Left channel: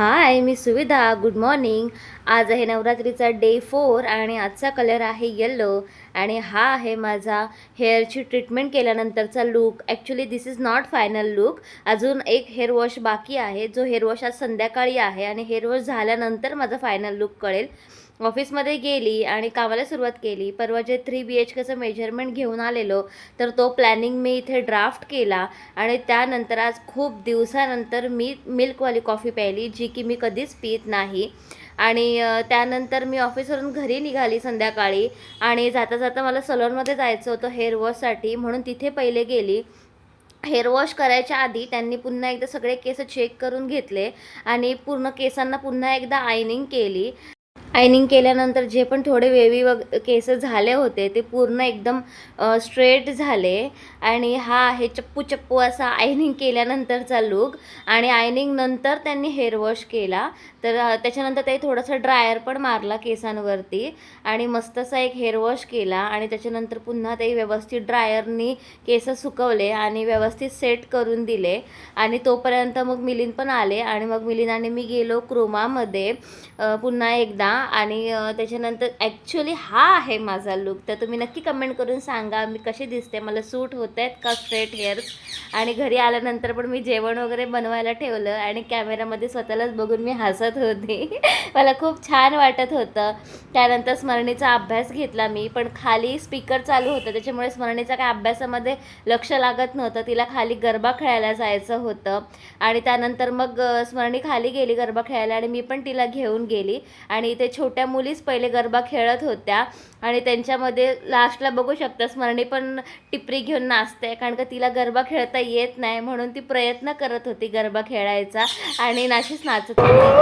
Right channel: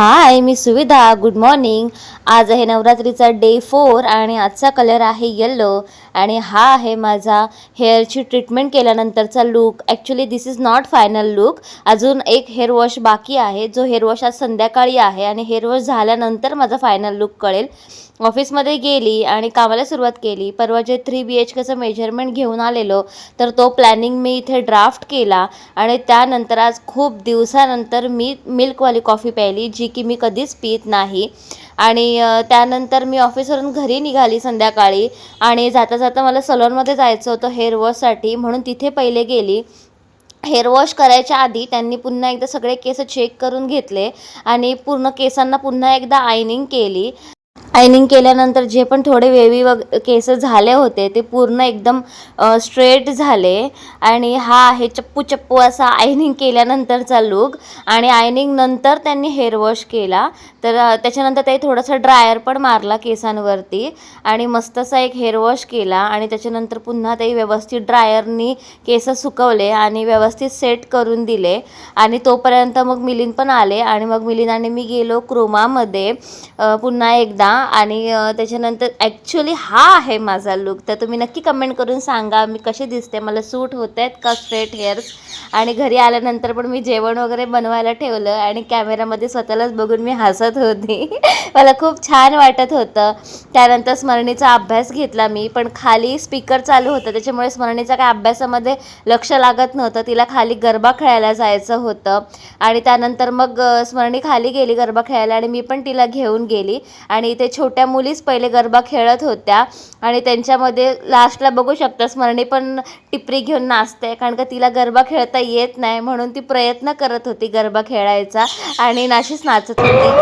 हाय, मी सुविधा. Good morning. आज आहे नवरात्रीचा डे 4 आणि आजचा कलर आहे येलो आणि हा आहे माझा हेअरची ट्रीटमेंट केल्यानंतरचा look. Actually this is not final look. अजून एक हेअर वॉश बाकी आहे, जो हेअर वॉश आज संध्याकाळी आहे आणि हेअर वॉश झाल्यानंतर माझा फायनल लूक कळेल. ऑफिसमध्ये गेली आणि कामाला सुरुवात केली. परवा जे 3 BHKचं मेजरमेंट घेऊन आलेलो, तर तो प्लॅनिंग मी इथे ड्राफ्ट केला आणि त्यानंतर आज खूप दिवसानंतर मी मिल्कवाली कॉफी प्यायली, जी की मी कधीच पीत नाही. आणि त्यानंतर मी ऑफिसवरून घरी निघाली संध्याकाळी आणि जाता जाता मला सलूनमध्ये जायचं होतं हेअर वॉशसाठी, म्हणून तिथे पहिले गेली. हेअर वॉश करायच्या आधी त्यांनी पुन्हा एकदा सगळे केस चेक करून घेतले आणि पूर्ण केसांना पुन्हा एकदा आयनिंग केली. आयनिंग केल्यानंतर जे पण थोडे वेवी केस झाले होते ते पूर्ण एकदम स्ट्रेट झाले. आणि हा आहे चप्पू चप्पू असा आयनिंग केल्यानंतरचा लूक. आणि आयनिंग नंतर त्यांनी हेअर वॉश केला, तर त्याच्यानंतर ते थोडंसं ड्रायर पण मारला केसांवरती आणि मस्तसा एक हेअर वॉश केला. आणि त्याच्यानंतर पुन्हा ते व्यवस्थित ड्रायरनी केस सुकवले आणि व्यवस्थित सेट करून दिले. आणि तोपर्यंत मग मिलिंद पण आले आणि मग मिलिंद आणि मी गेलो क्रोमामध्ये पुन्हा एकदा. आणि त्याच्यानंतर ॲक्च्युली हा आहे माझा लूक. तर तुम्ही नक्की कमेंट करून सांगा मी कशी दिसते, मला सूट होत आहेत का स्ट्रेट हेअर्स. आणि घरी आल्यानंतर पण मी जेवण वगैरे बनवायला ठेवलं आणि कॅमेरामध्ये स्वतःलाच बघून मी हसत होती. मला खूप छान वाटत होतं. त्यानंतर स्मरणीचा अभ्यास घेतला मी, पण खाली स्पीकर चालू होतं त्याच्यामुळे स्मरणीचा काय अभ्यासामध्ये लक्ष लागत नव्हतं. तिला खाली गरबा खेळायला जायचं होतं. आणि त्यानंतर मग स्मरणी खाली गेली गरबा खेळायला आणि मी पण तिला घेऊन गेली. आणि इथे छोट्या मुलीच पहिले गरबा खेळत होत्या आणि त्यांच्यामध्ये लास्टला बघू शकता स्मरणी पण टिपरी घेऊन नाचते, कारण का तिला गरबा खेळता येत नाही म्हणून ती प्रयत्न करत होती गरबा खेळायचा आणि नाशीच नाचत होती